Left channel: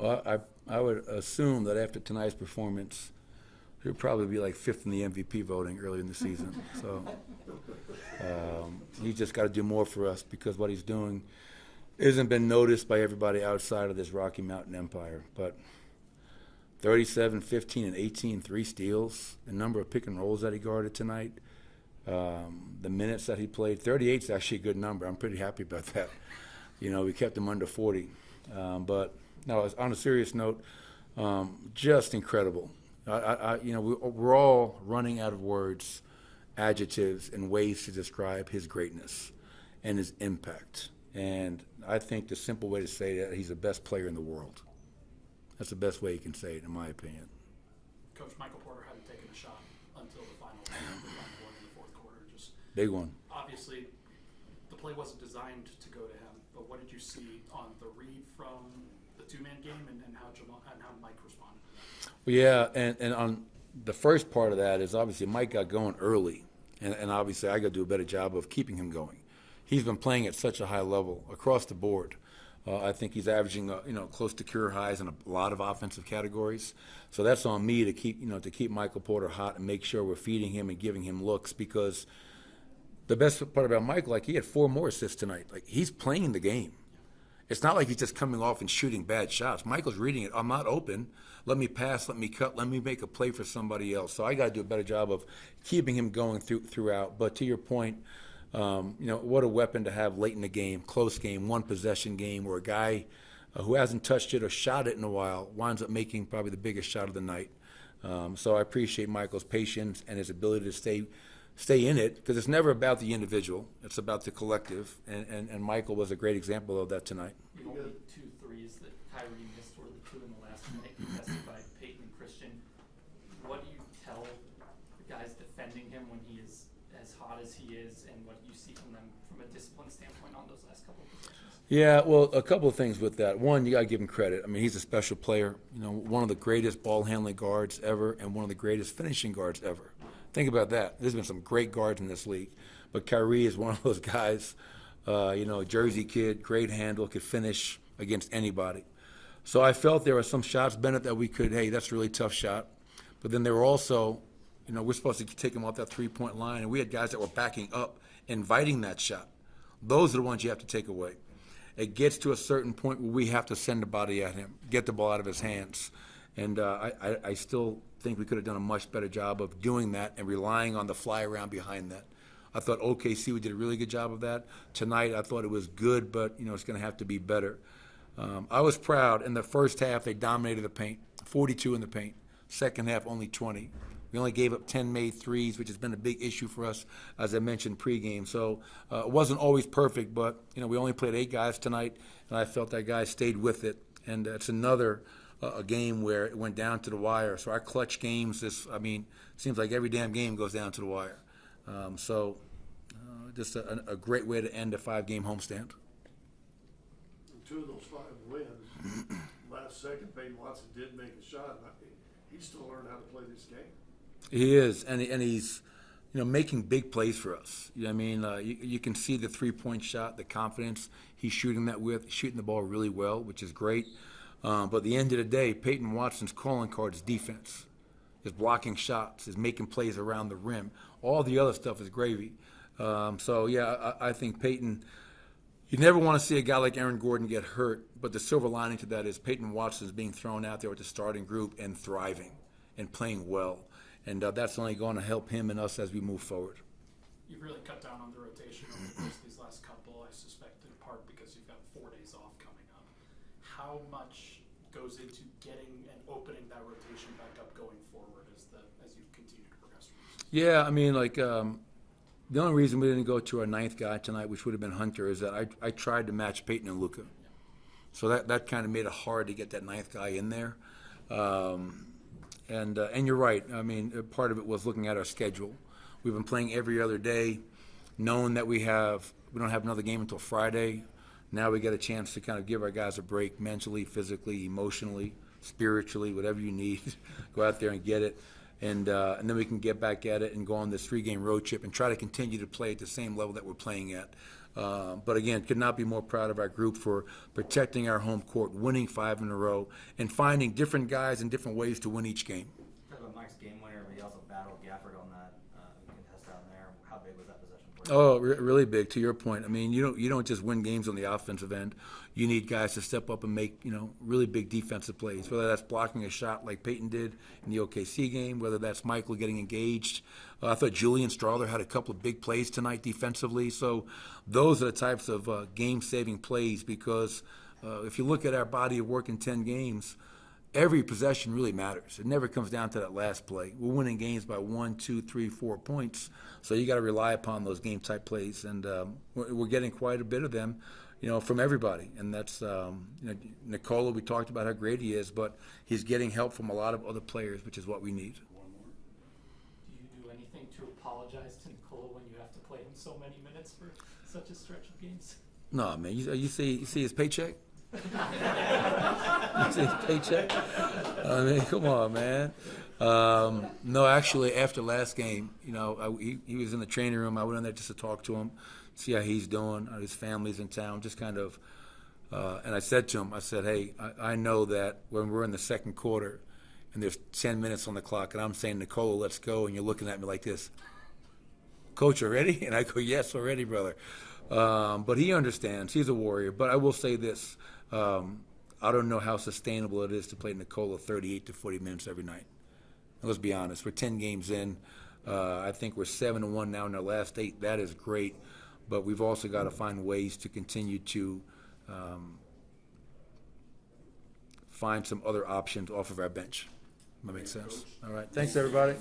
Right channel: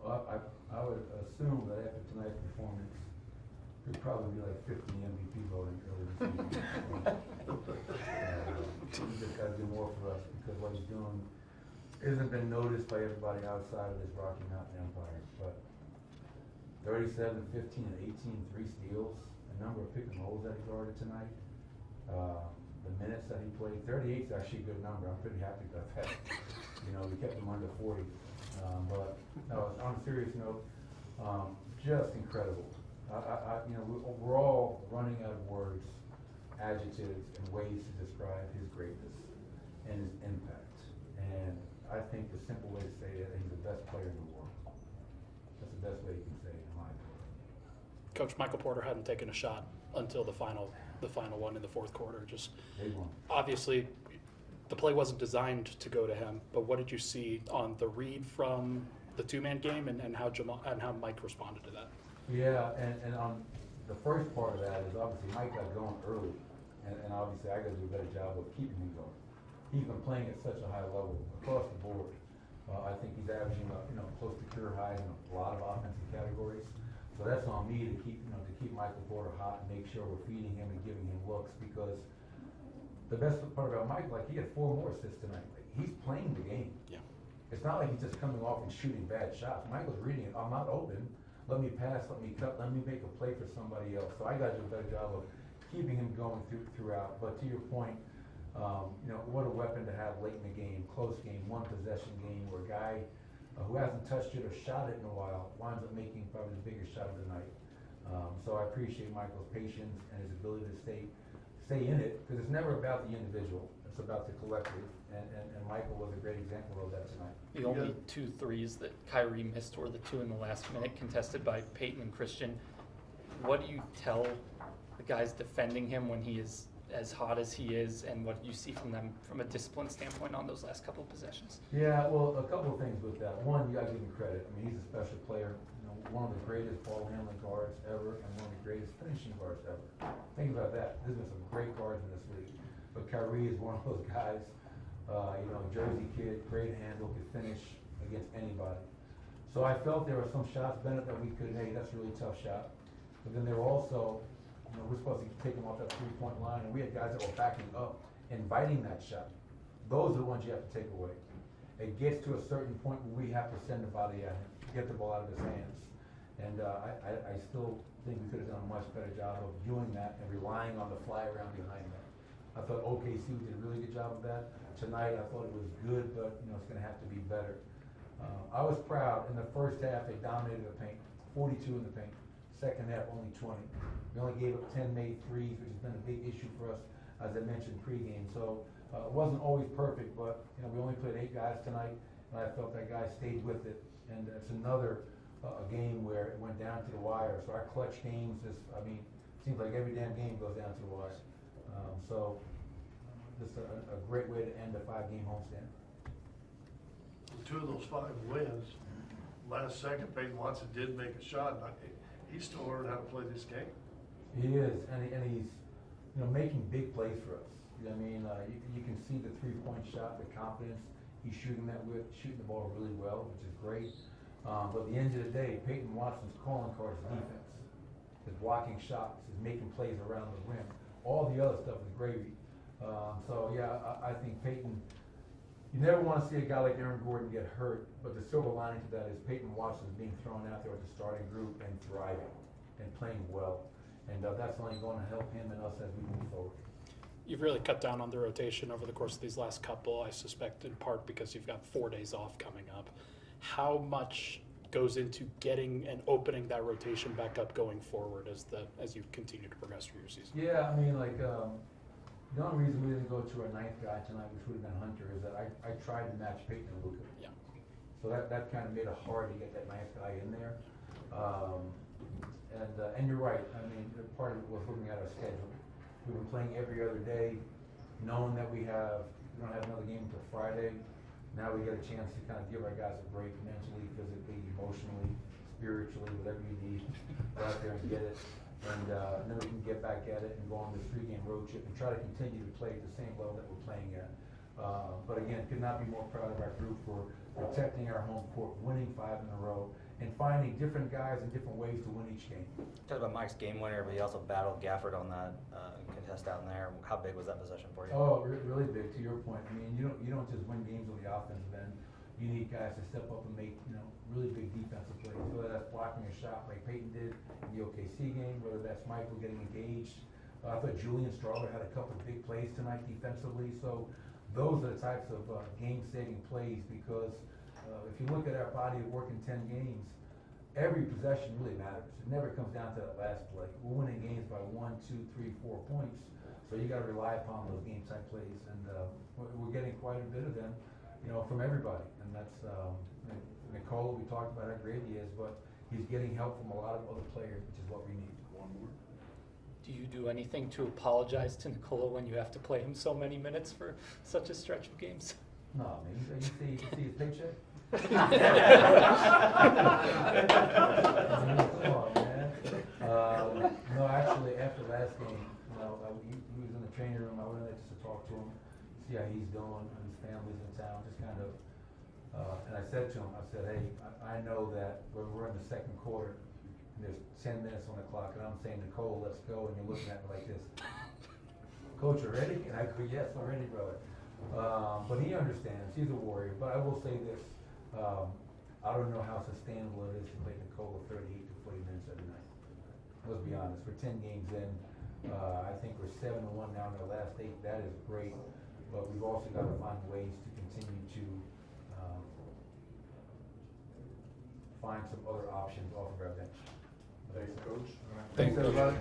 Well, I would assume that after tonight's performance, he'll probably be like fifth in the MVP voting early in the season. So he's just got to do more for us because what he's doing isn't been noticed by everybody outside of this Rocky Mountain Empire. But 37, 15, and 18, 3 steals, the number of pick and rolls that he guarded tonight, the minutes that he played. 38 is actually a good number. I'm pretty happy about that. We kept him under 40. But no, on a serious note, just incredible. We're all running out of words, adjectives, and ways to describe his greatness and his impact. And I think the simple way to say that, he's the best player in the world. That's the best way you can say it, in my opinion. Coach, Michael Porter hadn't taken a shot until the final one in the fourth quarter. Just big one. Obviously, the play wasn't designed to go to him, but what did you see on the read from the two-man game and how Mike responded to that? Well, yeah, and on the first part of that is obviously Mike got going early, and obviously I got to do a better job of keeping him going. He's been playing at such a high level across the board. I think he's averaging close to career highs in a lot of offensive categories. So that's on me to keep Michael Porter hot and make sure we're feeding him and giving him looks, because the best part about Mike, he had 4 more assists tonight. He's playing the game. Yeah. It's not like he's just coming off and shooting bad shots. Michael's reading it. I'm not open. Let me pass. Let me cut. Let me make a play for somebody else. So I got to do a better job of keeping him going throughout. But to your point, what a weapon to have late in the game, close game, one possession game, where a guy who hasn't touched it or shot it in a while winds up making probably the biggest shot of the night. So I appreciate Michael's patience and his ability to stay in it, because it's never about the individual. It's about the collective, and Michael was a great example of that tonight. The only 2 threes that Kyrie missed were the 2 in the last minute, contested by Peyton and Christian. What do you tell the guys defending him when he is as hot as he is, and what you see from them from a discipline standpoint on those last couple of possessions? Yeah, well, a couple of things with that. One, you got to give him credit. I mean, he's a special player. One of the greatest ball handling guards ever, and one of the greatest finishing guards ever. Think about that. There's been some great guards in this league, but Kyrie is one of those guys. Jersey kid, great handle, could finish against anybody. So I felt there were some shots, Bennett, that we could, hey, that's a really tough shot. But then there were also, we're supposed to take him off that three-point line, and we had guys that were backing up, inviting that shot. Those are the ones you have to take away. It gets to a certain point where we have to send the body at him, get the ball out of his hands. And I still think we could have done a much better job of doing that and relying on the fly around behind that. I thought OKC, we did a really good job of that. Tonight, I thought it was good, but it's going to have to be better. I was proud. In the first half, they dominated the paint, 42 in the paint. Second half, only 20. We only gave up 10 made threes, which has been a big issue for us, as I mentioned pregame. So it wasn't always perfect, but we only played 8 guys tonight, and I felt that guys stayed with it. And it's another a game where it went down to the wire. So our clutch games, seems like every damn game goes down to the wire. Just a great way to end a 5-game homestand. 2 of those 5 wins, last second, Peyton Watson did make a shot. He's still learning how to play this game. He is, and he's, making big plays for us. You can see the 3-point shot, the confidence he's shooting the ball really well, which is great. But at the end of the day, Peyton Watson's calling card is defense, is blocking shots, is making plays around the rim. All the other stuff is gravy. I think Peyton. You never want to see a guy like Aaron Gordon get hurt, but the silver lining to that is Peyton Watson is being thrown out there with the starting group and thriving and playing well. And that's only going to help him and us as we move forward. You've really cut down on the rotation over the course of these last couple, I suspect in part because you've got 4 days off coming up. How much goes into getting and opening that rotation back up going forward as you continue to progress through your season? Yeah, the only reason we didn't go to our 9th guy tonight, which would have been Hunter, is that I tried to match Peyton and Luka. Yeah. So that kind of made it hard to get that 9th guy in there. And you're right. Part of it was looking at our schedule. We've been playing every other day, knowing that we don't have another game until Friday. Now we get a chance to kind of give our guys a break mentally, physically, emotionally, spiritually, whatever you need. Go out there and get it. And then we can get back at it and go on this 3-game road trip and try to continue to play at the same level that we're playing at. But again, could not be more proud of our group for protecting our home court, winning 5 in a row, and finding different guys and different ways to win each game. Talked about Mike's game winner, but he also battled Gafford on that contest down there. How big was that possession for you? Oh, really big. To your point, I mean, you don't just win games on the offensive end. You need guys to step up and make really big defensive plays. Whether that's blocking a shot like Peyton did in the OKC game, whether that's Michael getting engaged. I thought Julian Strawther had a couple of big plays tonight defensively. So those are the types of game-saving plays because if you look at our body of work in 10 games, every possession really matters. It never comes down to that last play. We're winning games by 1, 2, 3, 4 points. So you got to rely upon those game-type plays, and we're getting quite a bit of them, from everybody. And that's Nikola. We talked about how great he is, but he's getting help from a lot of other players, which is what we need. Do you do anything to apologize to Nikola when you have to play him so many minutes for such a stretch of games? No, man. You see his paycheck? You see his paycheck? I mean, come on, man. No, actually, after last game, he was in the training room. I went in there just to talk to him, see how he's doing, how his family's in town, just kind of. And I said to him, hey, I know that when we're in the second quarter and there's 10 minutes on the clock and I'm saying, Nicole, let's go, and you're looking at me like this, Coach, already? And I go, yes, already, brother. But he understands. He's a warrior. But I will say this. I don't know how sustainable it is to play Nikola 38 to 40 minutes every night. Let's be honest. We're 10 games in. I think we're 7-1 now in our last 8. That is great. But we've also got to find ways to continue to find some other options off of our bench. That makes sense. All right. Thanks, everybody.